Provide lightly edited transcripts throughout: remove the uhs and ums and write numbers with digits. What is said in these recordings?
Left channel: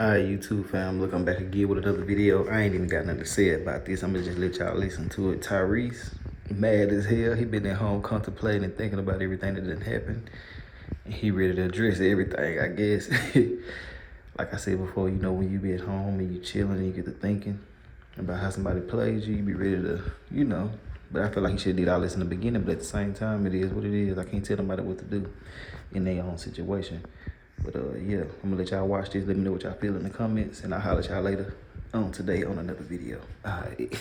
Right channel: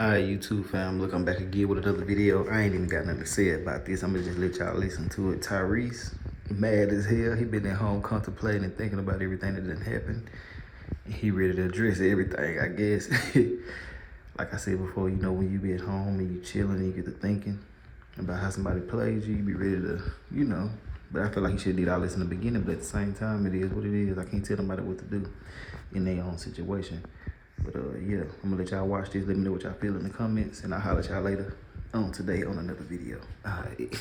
Alright, YouTube fam, look, I'm back again with another video. I ain't even got nothing to say about this. I'm gonna just let y'all listen to it. Tyrese, mad as hell. He been at home contemplating and thinking about everything that done happened. He ready to address everything, I guess. Like I said before, you know, when you be at home and you chilling and you get to thinking about how somebody plays you, you be ready to, you know. But I feel like you should did all this in the beginning, but at the same time, it is what it is. I can't tell nobody what to do in their own situation. But yeah, I'm gonna let y'all watch this. Let me know what y'all feel in the comments, and I'll holler at y'all later on today on another video. All right.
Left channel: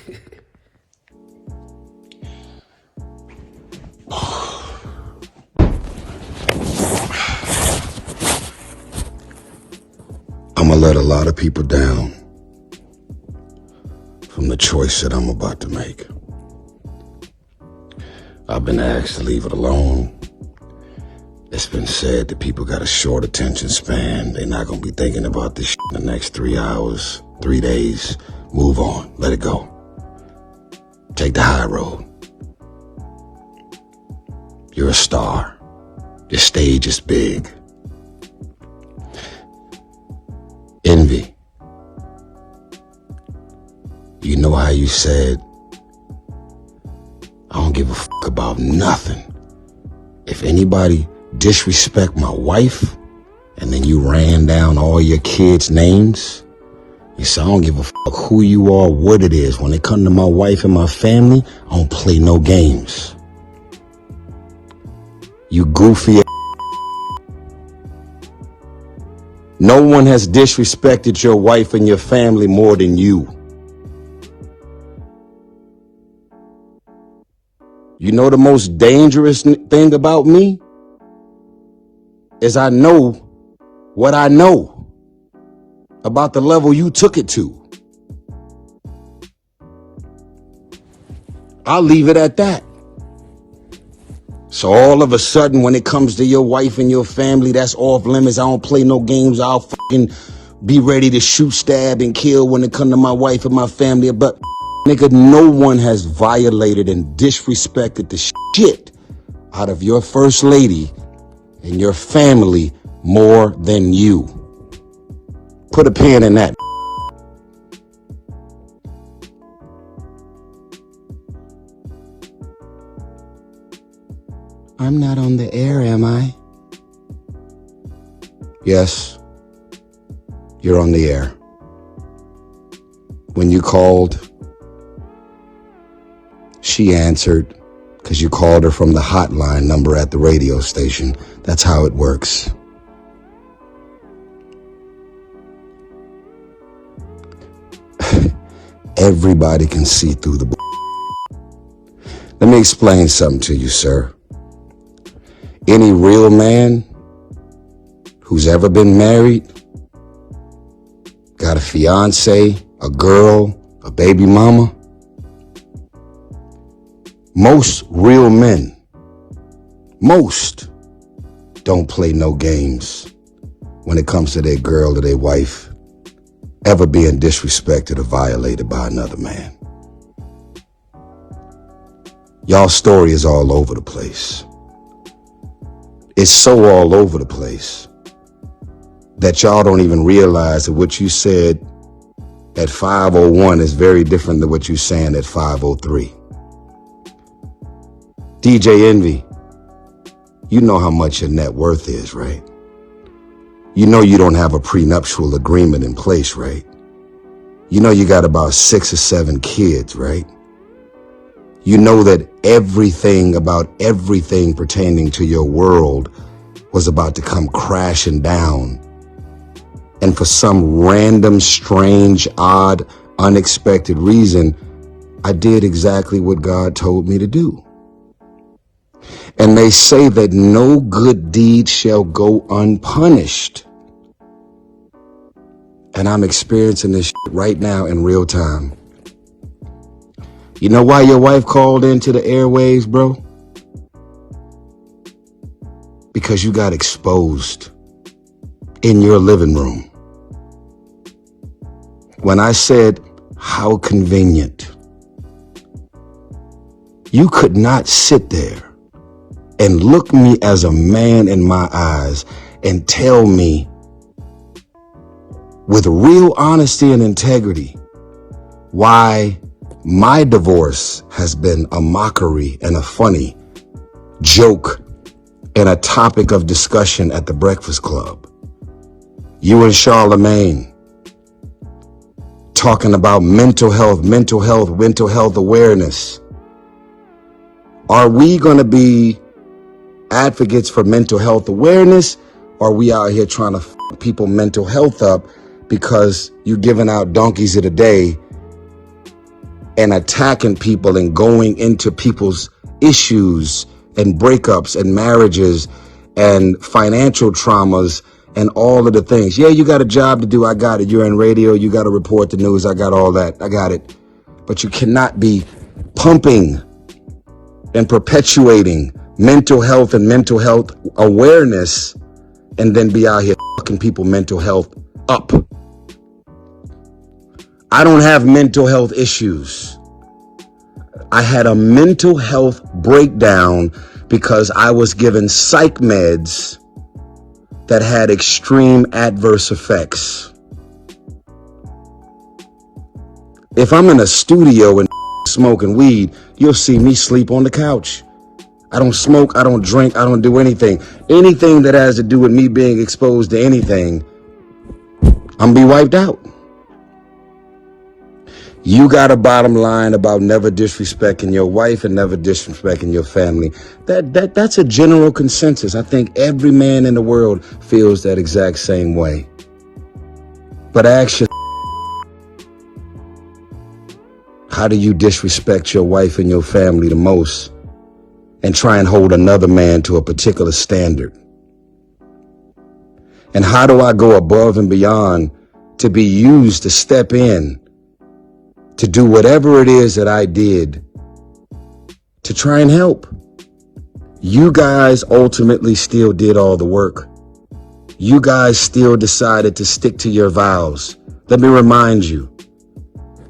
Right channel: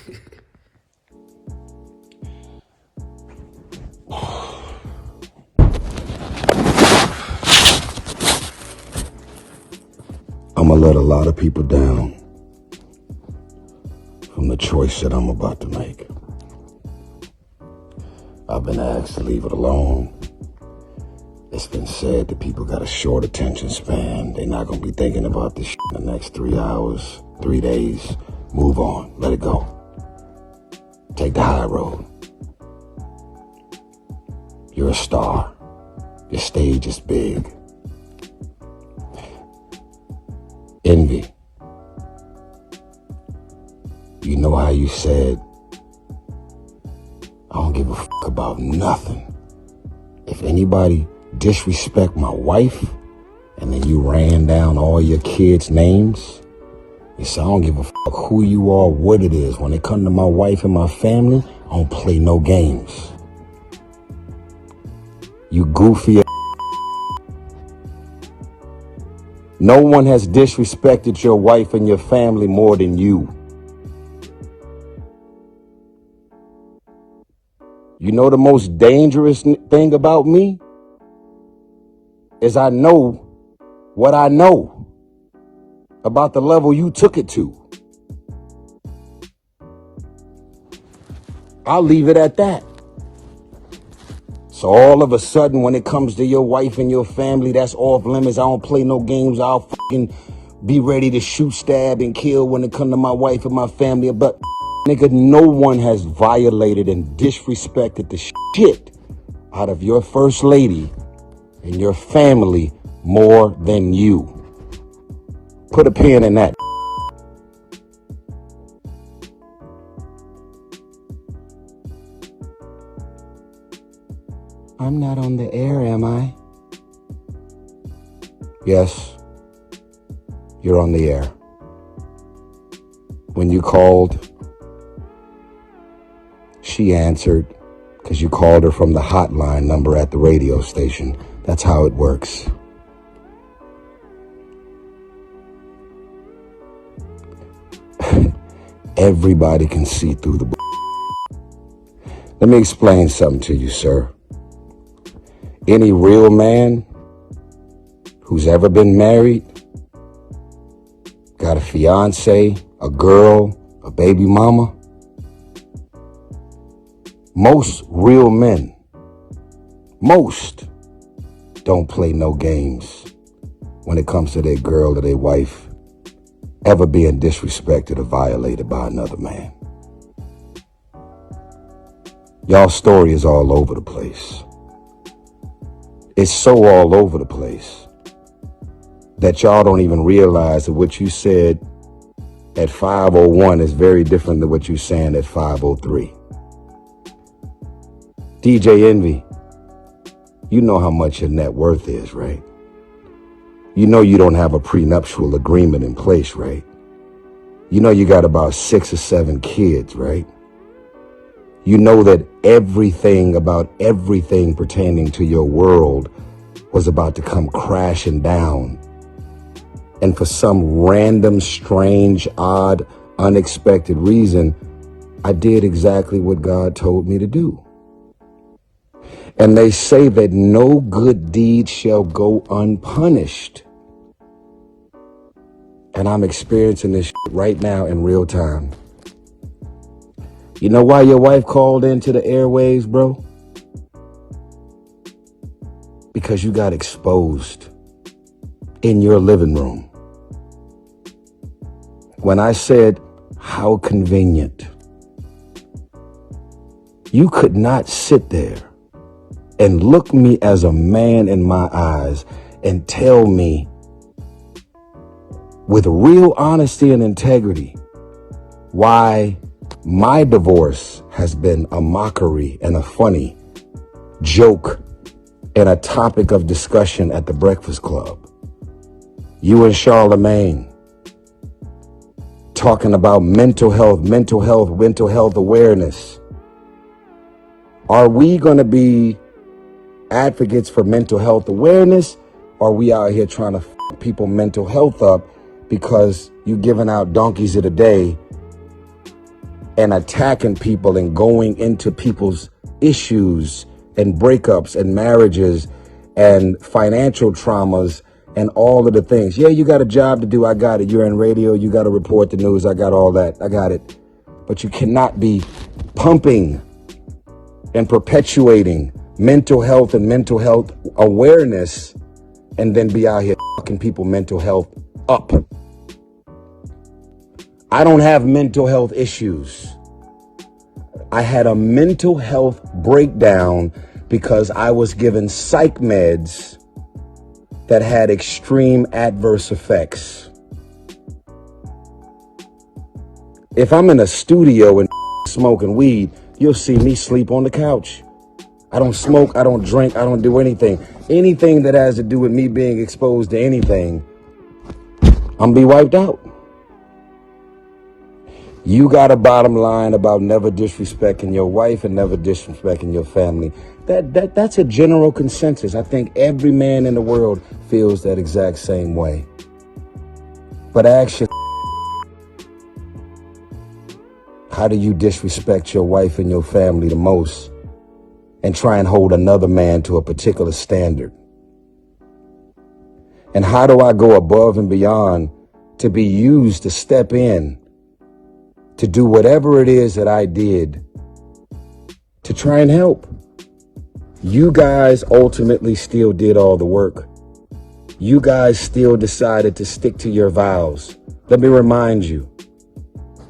I'm gonna let a lot of people down from the choice that I'm about to make. I've been asked to leave it alone. It's been said that people got a short attention span. They're not gonna be thinking about this shit in the next 3 hours, 3 days. Move on, let it go. Take the high road. You're a star. The stage is big. Envy. You know how you said, I don't give a fuck about nothing. If anybody disrespect my wife, and then you ran down all your kids' names, you said, I don't give a fuck who you are, what it is. When it comes to my wife and my family, I don't play no games. You goofy. No one has disrespected your wife and your family more than you. You know the most dangerous thing about me? Is I know what I know about the level you took it to. I'll leave it at that. So all of a sudden, when it comes to your wife and your family, that's off limits. I don't play no games. I'll fucking be ready to shoot, stab, and kill when it comes to my wife and my family. But nigga, no one has violated and disrespected the shit out of your first lady and your family more than you. Put a pin in that. I'm not on the air, am I? Yes, you're on the air. When you called, she answered because you called her from the hotline number at the radio station. That's how it works. Everybody can see through the Let me explain something to you, sir. Any real man who's ever been married, got a fiance, a girl, a baby mama, most real men, most don't play no games when it comes to their girl or their wife ever being disrespected or violated by another man. Y'all's story is all over the place. It's so all over the place that y'all don't even realize that what you said at 5:01 is very different than what you're saying at 5:03. DJ Envy, you know how much your net worth is, right? You know you don't have a prenuptial agreement in place, right? You know you got about 6 or 7 kids, right? You know that everything about everything pertaining to your world was about to come crashing down. And for some random, strange, odd, unexpected reason, I did exactly what God told me to do. And they say that no good deed shall go unpunished. And I'm experiencing this right now in real time. You know why your wife called into the airwaves, bro? Because you got exposed in your living room. When I said, how convenient, you could not sit there and look me as a man in my eyes and tell me with real honesty and integrity why my divorce has been a mockery and a funny joke and a topic of discussion at the Breakfast Club. You and Charlemagne talking about mental health awareness. Are we going to be advocates for mental health awareness, or are we out here trying to f people mental health up because you're giving out donkeys of the day and attacking people and going into people's issues and breakups and marriages and financial traumas and all of the things? Yeah, you got a job to do. I got it. You're in radio. You got to report the news. I got all that. I got it. But you cannot be pumping and perpetuating mental health and mental health awareness and then be out here fucking people mental health up. I don't have mental health issues. I had a mental health breakdown because I was given psych meds that had extreme adverse effects. If I'm in a studio and smoking weed, you'll see me sleep on the couch. I don't smoke, I don't drink, I don't do anything. Anything that has to do with me being exposed to anything, I'm gonna be wiped out. You got a bottom line about never disrespecting your wife and never disrespecting your family. That's a general consensus. I think every man in the world feels that exact same way. But ask yourself, how do you disrespect your wife and your family the most and try and hold another man to a particular standard? And how do I go above and beyond to be used to step in to do whatever it is that I did to try and help? You guys ultimately still did all the work. You guys still decided to stick to your vows. Let me remind you,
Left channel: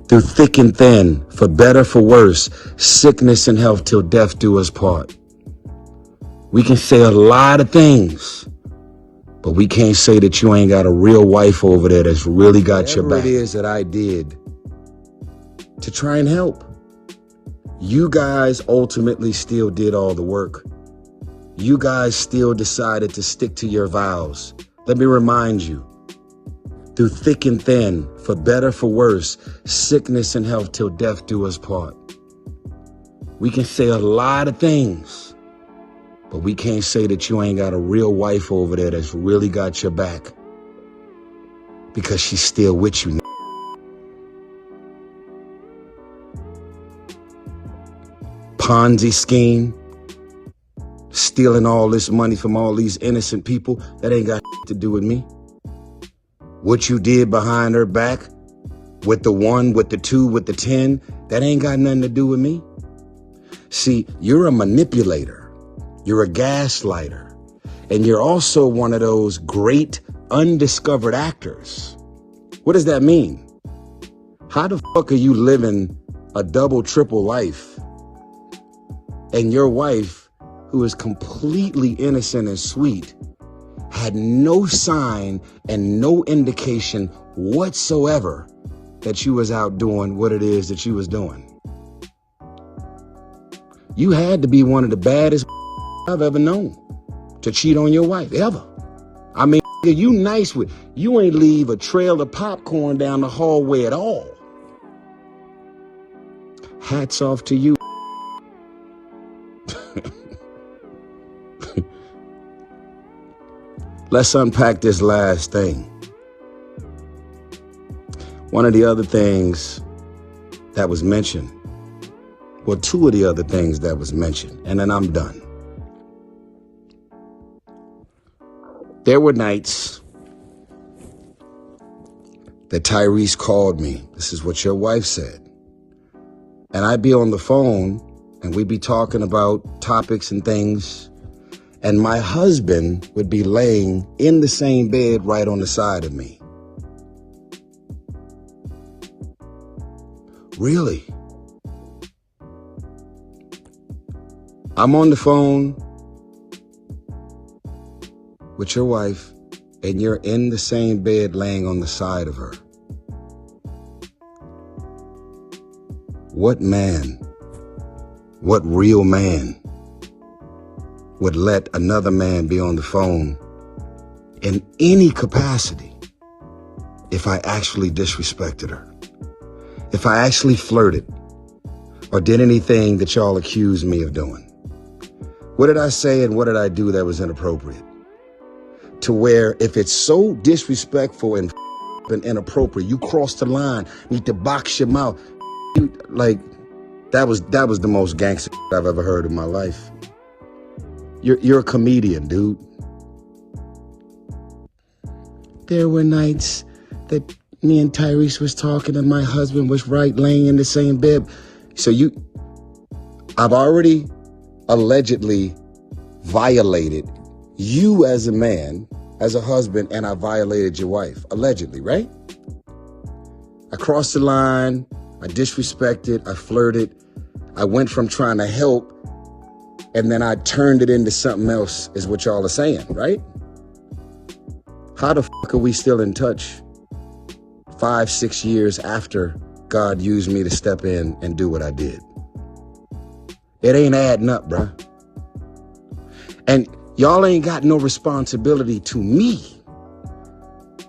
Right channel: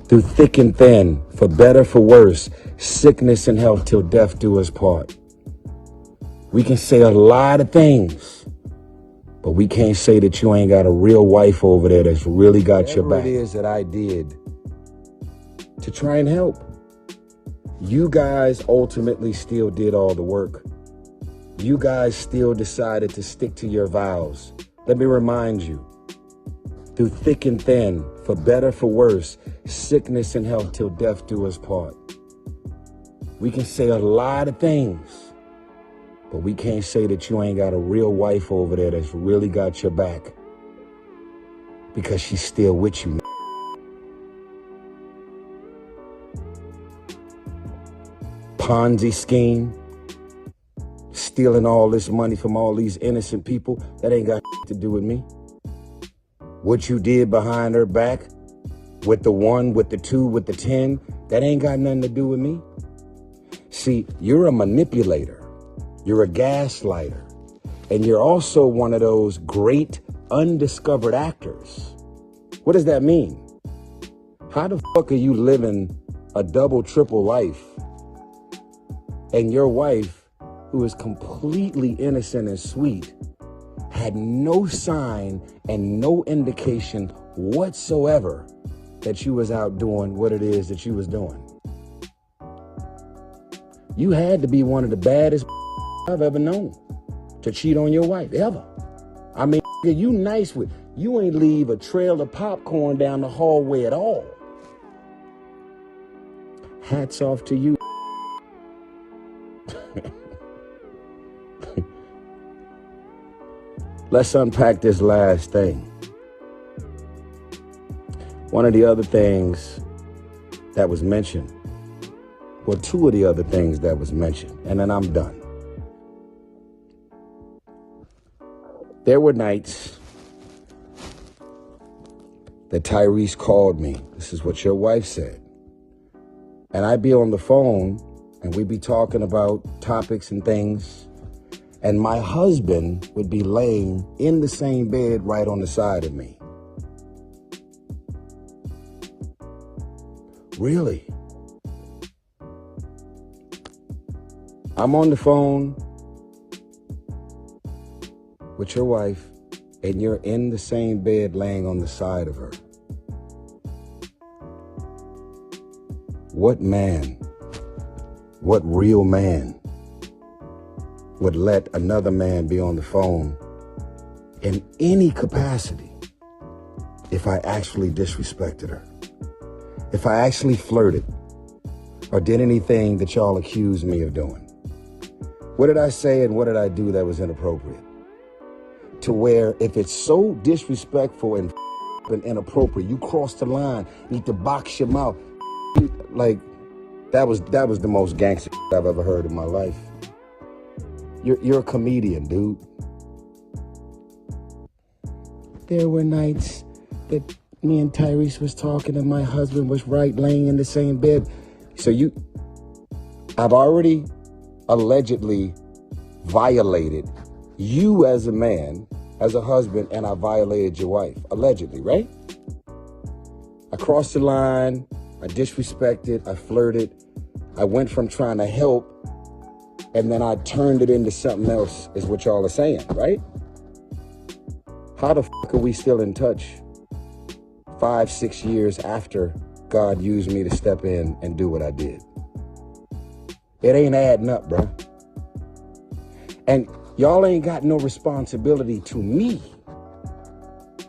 through thick and thin, for better, for worse, sickness and health till death do us part. We can say a lot of things, but we can't say that you ain't got a real wife over there that's really got your back. Whatever it is that I did to try and help, you guys ultimately still did all the work. You guys still decided to stick to your vows. Let me remind you, through thick and thin, for better, for worse, sickness and health till death do us part. We can say a lot of things, but we can't say that you ain't got a real wife over there that's really got your back, because she's still with you. Ponzi scheme, stealing all this money from all these innocent people, that ain't got to do with me. What you did behind her back, with the 1, with the 2, with the 10, that ain't got nothing to do with me. See, you're a manipulator, you're a gaslighter, and you're also one of those great undiscovered actors. What does that mean? How the fuck are you living a double, triple life, and your wife, who is completely innocent and sweet, had no sign and no indication whatsoever that you was out doing what it is that you was doing? You had to be one of the baddest I've ever known to cheat on your wife, ever. I mean, you nice with, you ain't leave a trail of popcorn down the hallway at all. Hats off to you. Let's unpack this last thing. One of the other things that was mentioned, well, 2 of the other things that was mentioned, and then I'm done. There were nights that Tyrese called me. This is what your wife said. And I'd be on the phone and we'd be talking about topics and things, and my husband would be laying in the same bed right on the side of me. Really? I'm on the phone with your wife, and you're in the same bed laying on the side of her. What man, what real man would let another man be on the phone in any capacity if I actually disrespected her? If I actually flirted or did anything that y'all accused me of doing? What did I say and what did I do that was inappropriate? To where if it's so disrespectful and inappropriate, you cross the line, need to box your mouth. Like, that was the most gangster I've ever heard in my life. You're a comedian, dude. There were nights that me and Tyrese was talking and my husband was laying in the same bed. So I've already allegedly violated you as a man, as a husband, and I violated your wife, allegedly, right? I crossed the line, I disrespected, I flirted, I went from trying to help, and then I turned it into something else, is what y'all are saying, right? How the fuck are we still in touch 5-6 years after God used me to step in and do what I did? It ain't adding up, bruh. And y'all ain't got no responsibility to me.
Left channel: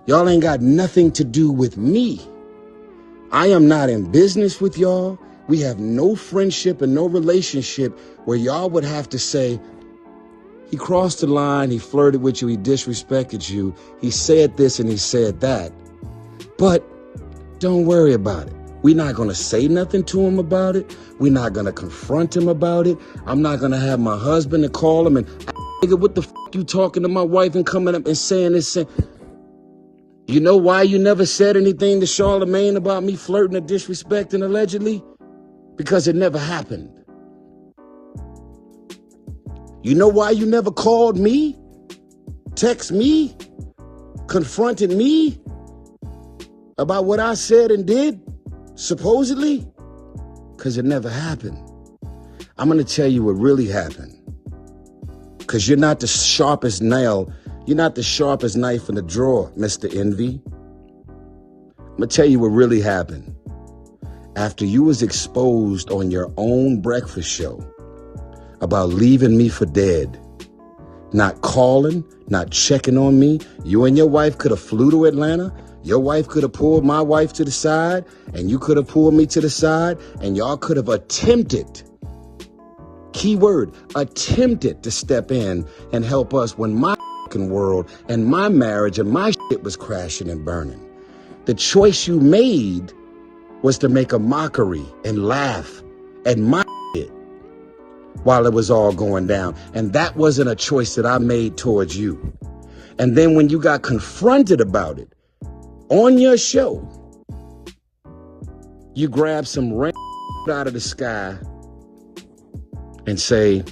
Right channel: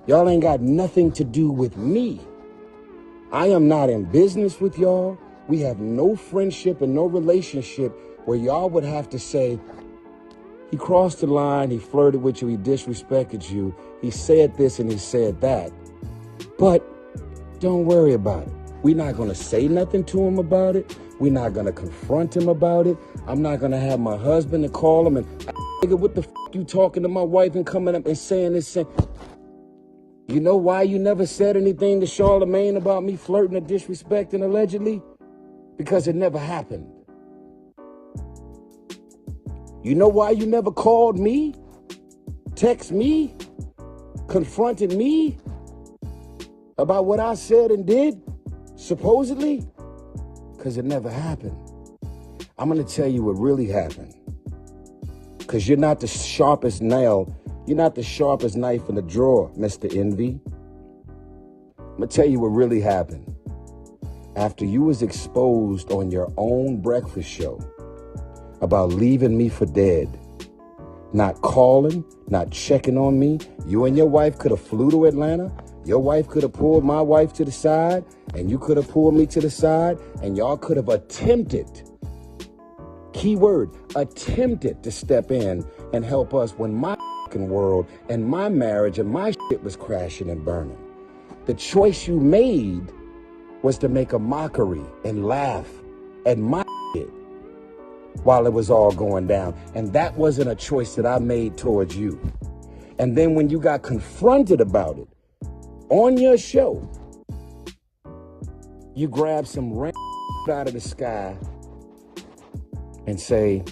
Y'all ain't got nothing to do with me. I am not in business with y'all. We have no friendship and no relationship where y'all would have to say, he crossed the line, he flirted with you, he disrespected you, he said this and he said that. But don't worry about it. We're not gonna say nothing to him about it. We're not gonna confront him about it. I'm not gonna have my husband to call him and, nigga, what the f you talking to my wife and coming up and saying this? You know why you never said anything to Charlamagne about me flirting or disrespecting allegedly? Because it never happened. You know why you never called me, text me, confronted me about what I said and did, supposedly? Because it never happened. I'm gonna tell you what really happened. Because you're not the sharpest nail, you're not the sharpest knife in the drawer, Mr. Envy. I'm gonna tell you what really happened. After you was exposed on your own breakfast show about leaving me for dead, not calling, not checking on me, you and your wife could have flew to Atlanta. Your wife could have pulled my wife to the side, and you could have pulled me to the side, and y'all could have attempted, key word, attempted to step in and help us when my world and my marriage and my shit was crashing and burning. The choice you made was to make a mockery and laugh at my shit while it was all going down. And that wasn't a choice that I made towards you. And then when you got confronted about it on your show, you grab some rain out of the sky and say,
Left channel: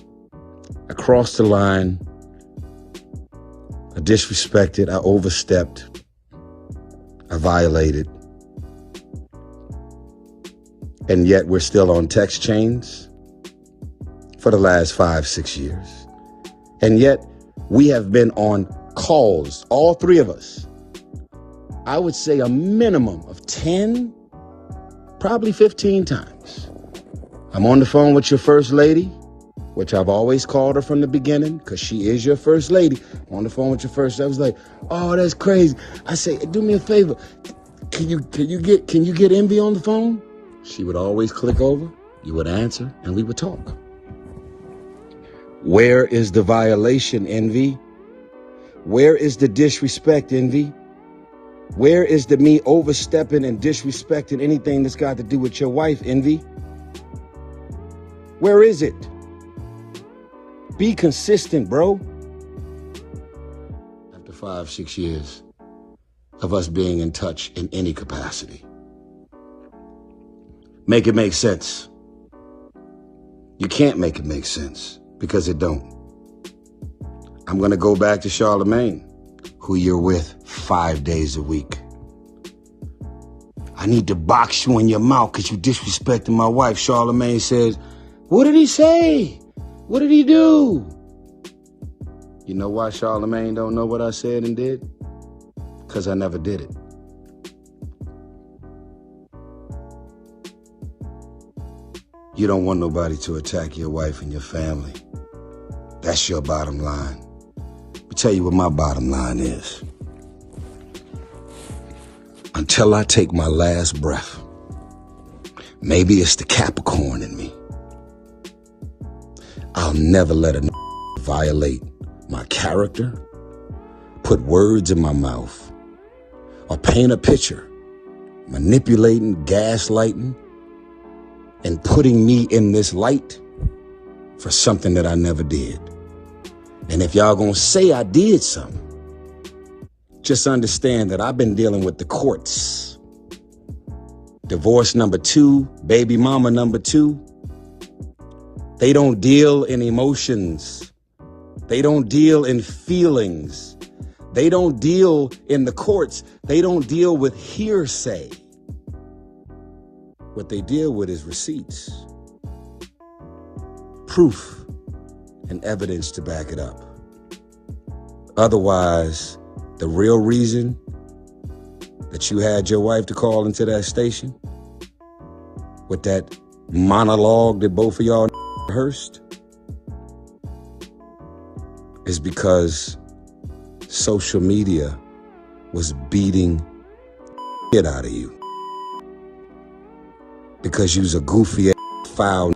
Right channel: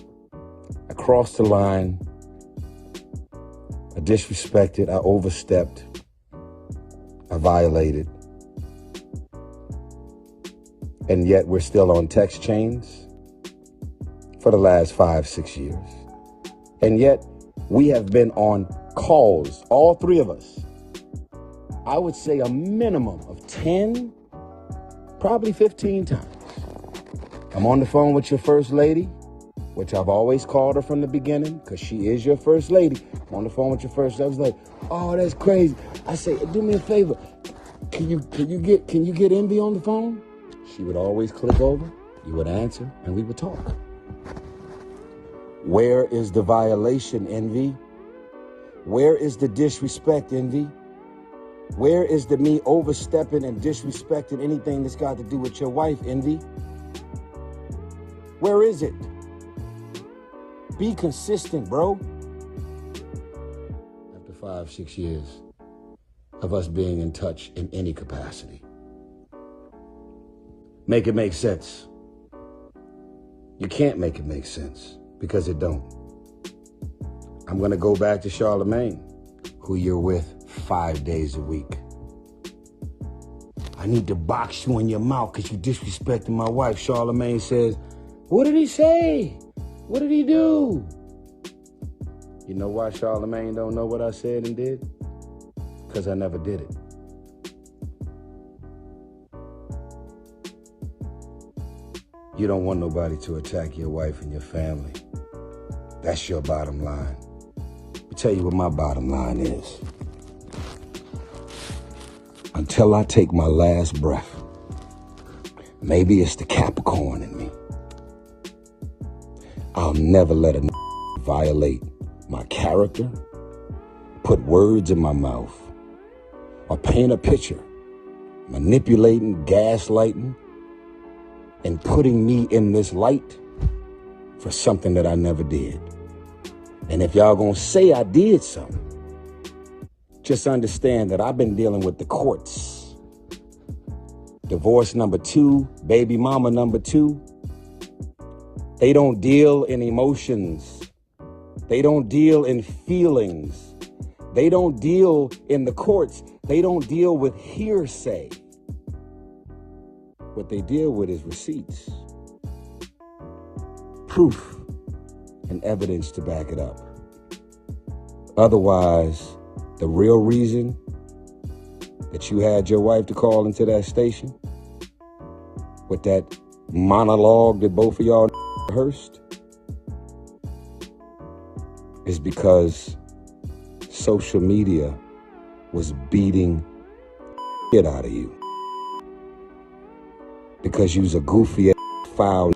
I crossed the line, I disrespected, I overstepped, I violated. And yet we're still on text chains for the last 5-6 years. And yet we have been on calls, all three of us. I would say a minimum of 10, probably 15 times. I'm on the phone with your first lady, which I've always called her from the beginning, because she is your first lady. I'm on the phone with your first. I was like, oh, that's crazy. I said, do me a favor. Can you get Envy on the phone? She would always click over, you would answer, and we would talk. Where is the violation, Envy? Where is the disrespect, Envy? Where is the me overstepping and disrespecting anything that's got to do with your wife, Envy? Where is it? Be consistent, bro. After 5-6 years of us being in touch in any capacity. Make it make sense. You can't make it make sense because it don't. I'm gonna go back to Charlamagne, who you're with 5 days a week. I need to box you in your mouth because you disrespecting my wife. Charlamagne says, what did he say? What did he do? You know why Charlamagne don't know what I said and did? because I never did it. You don't want nobody to attack your wife and your family. That's your bottom line. Let me tell you what my bottom line is. Until I take my last breath, maybe it's the Capricorn in me, I'll never let a violate my character, put words in my mouth, or paint a picture, manipulating, gaslighting, and putting me in this light for something that I never did. And if y'all gonna say I did something, just understand that I've been dealing with the courts. Divorce number 2, baby mama number 2. They don't deal in emotions. They don't deal in feelings. They don't deal in the courts. They don't deal with hearsay. What they deal with is receipts, proof, and evidence to back it up. Otherwise, the real reason that you had your wife to call into that station with that monologue that both of y'all rehearsed is because social media was beating shit out of you. Because you was a goofy, foul,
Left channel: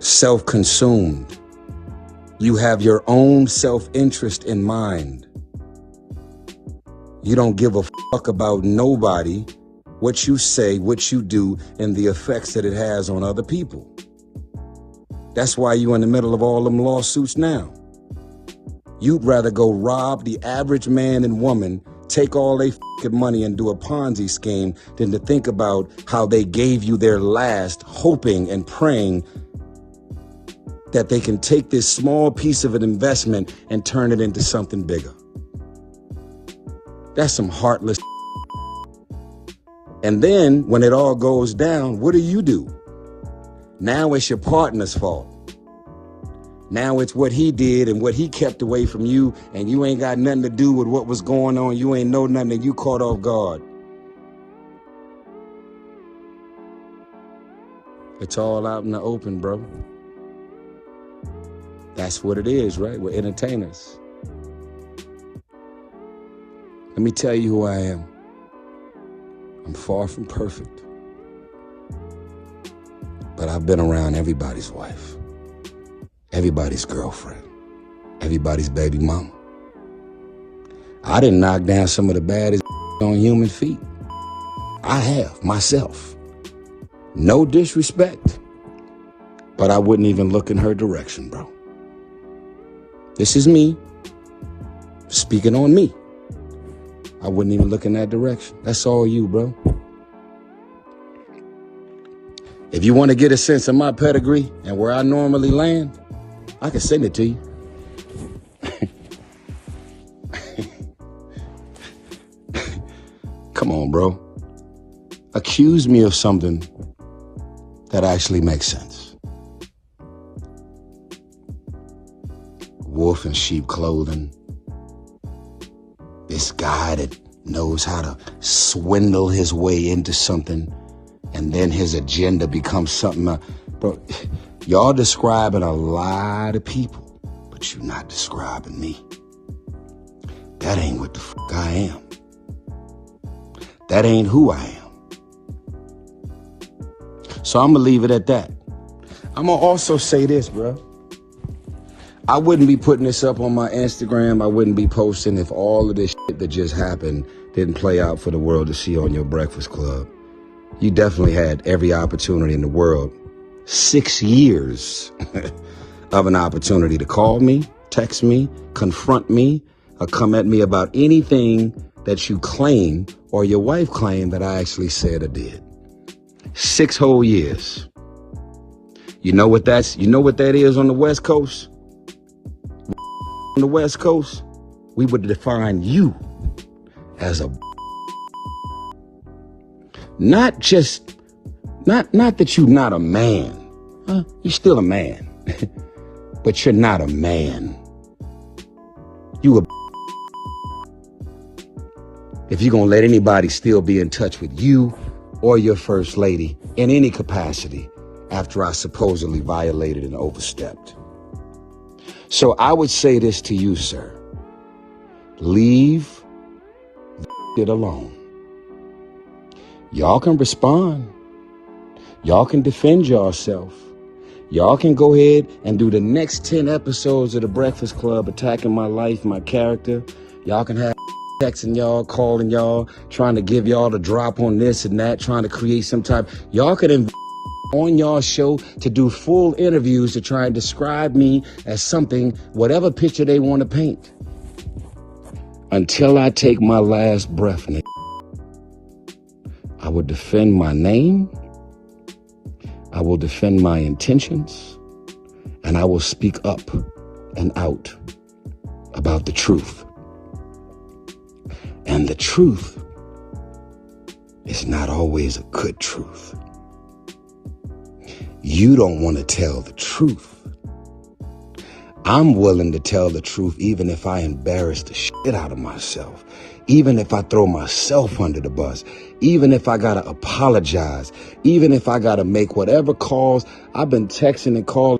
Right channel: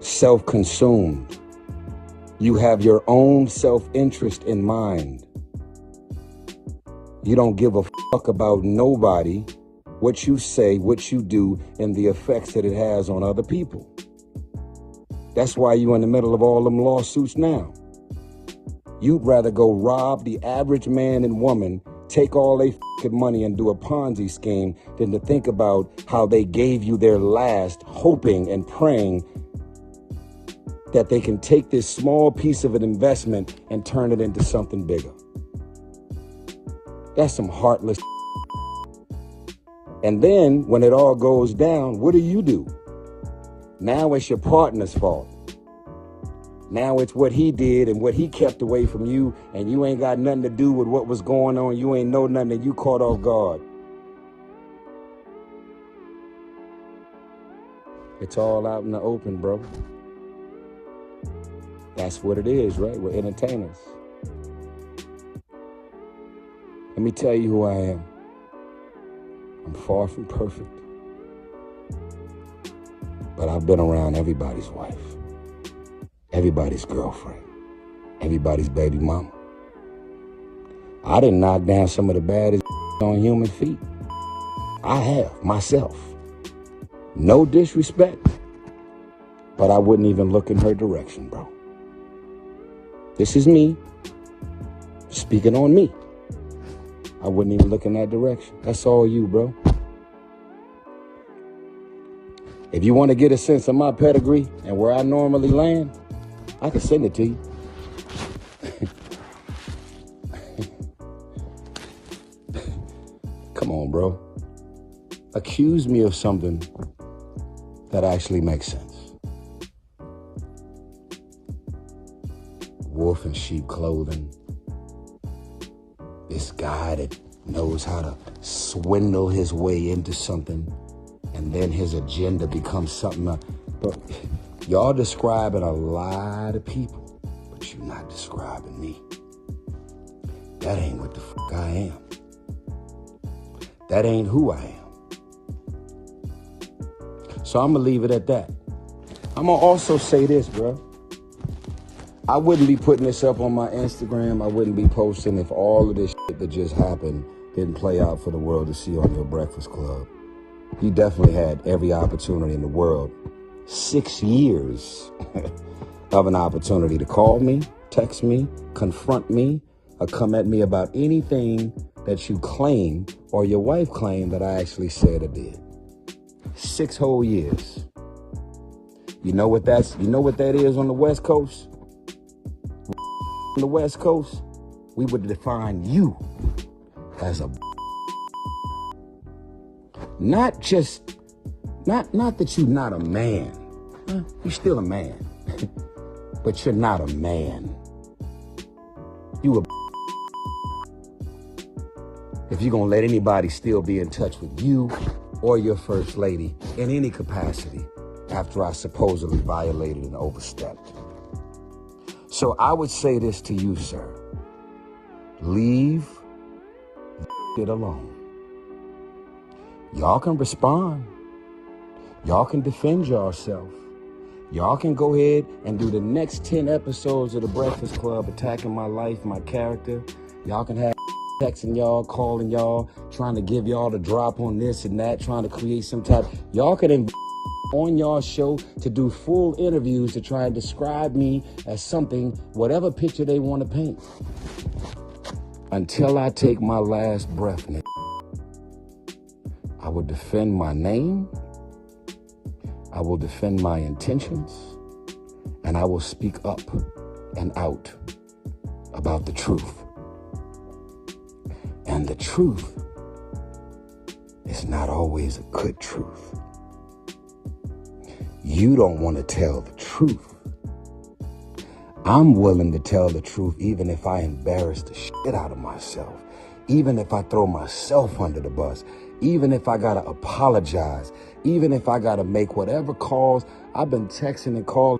self-consumed. You have your own self-interest in mind. You don't give a fuck about nobody, what you say, what you do, and the effects that it has on other people. That's why you in the middle of all them lawsuits now. You'd rather go rob the average man and woman, take all their fucking money and do a Ponzi scheme than to think about how they gave you their last, hoping and praying that they can take this small piece of an investment and turn it into something bigger. That's some heartless. And then when it all goes down, what do? Now it's your partner's fault. Now it's what he did and what he kept away from you, and you ain't got nothing to do with what was going on. You ain't know nothing, and you caught off guard. It's all out in the open, bro. That's what it is, right? We're entertainers. Let me tell you who I am. I'm far from perfect. But I've been around everybody's wife, everybody's girlfriend, everybody's baby mama. I didn't knock down some of the baddest on human feet. I have, myself. No disrespect, but I wouldn't even look in her direction, bro. This is me speaking on me. I wouldn't even look in that direction. That's all you, bro. If you want to get a sense of my pedigree and where I normally land, I can send it to you. Come on, bro. Accuse me of something that actually makes sense. Wolf in sheep clothing. This guy that knows how to swindle his way into something, and then his agenda becomes something. But y'all describing a lot of people, but you're not describing me. That ain't what the fuck I am. That ain't who I am. So I'm gonna leave it at that. I'm gonna also say this, bro. I wouldn't be putting this up on my Instagram. I wouldn't be posting if all of this shit that just happened didn't play out for the world to see on your Breakfast Club. You definitely had every opportunity in the world. 6 years of an opportunity to call me, text me, confront me, or come at me about anything that you claim or your wife claimed that I actually said or did. 6 whole years. You know what that is on the West Coast? On the West Coast, we would define you as a not that you're not a man. You're still a man, but you're not a man. You a if you're gonna let anybody still be in touch with you or your first lady in any capacity after I supposedly violated and overstepped. So I would say this to you, sir. Leave it alone. Y'all can respond. Y'all can defend yourself. Y'all can go ahead and do the next 10 episodes of The Breakfast Club attacking my life, my character. Y'all can have texting y'all, calling y'all, trying to give y'all the drop on this and that, trying to create some type. Y'all could on y'all show to do full interviews to try and describe me as something, whatever picture they want to paint. Until I take my last breath, nigga, I will defend my name, I will defend my intentions, and I will speak up and out about the truth. And the truth is not always a good truth. You don't want to tell the truth. I'm willing to tell the truth even if I embarrass the shit out of myself, even if I throw myself under the bus, even if I gotta apologize, even if I gotta make whatever calls. I've been texting and calling